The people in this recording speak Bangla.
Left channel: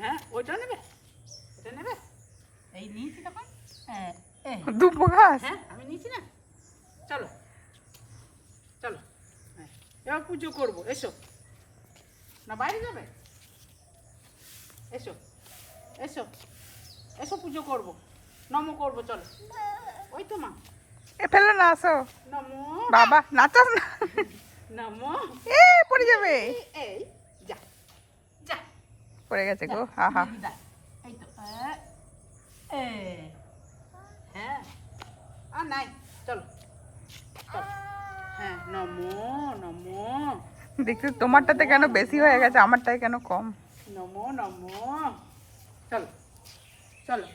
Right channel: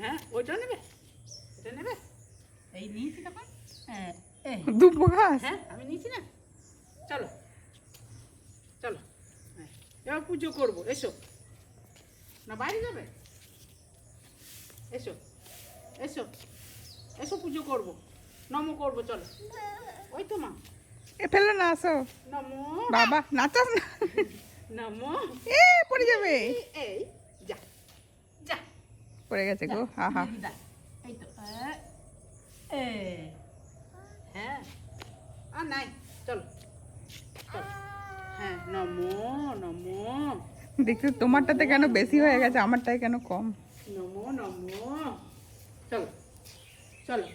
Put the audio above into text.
হ্যাঁ ওইটা নেবে, এটা নেবে। এই নিয়েছি তখন, দুব্বো ঘাস। হ্যাঁ আমি নিয়েছি না। চলো চলো, এবার পুজো করবো। এসো না, বাইরে যাবে? এসো এসো এসো, পুজো করবো, নমো করবো। চলো, ওই তো মা। এ ফেলো না, আসো। নমো বাবা নাচাস না, নমো। এ পড়ে যাবে। এই যা যা, পড়ে গেছে গো, আহা। এই তো, হ্যাঁ আর নাই। চলো চলো, হ্যাঁ নমো নমো। দেখছি তোমারটাতে কেন বেশি হয়ে গেছে, আমারটাই কেন কম। নমো নমো। চলো চলো।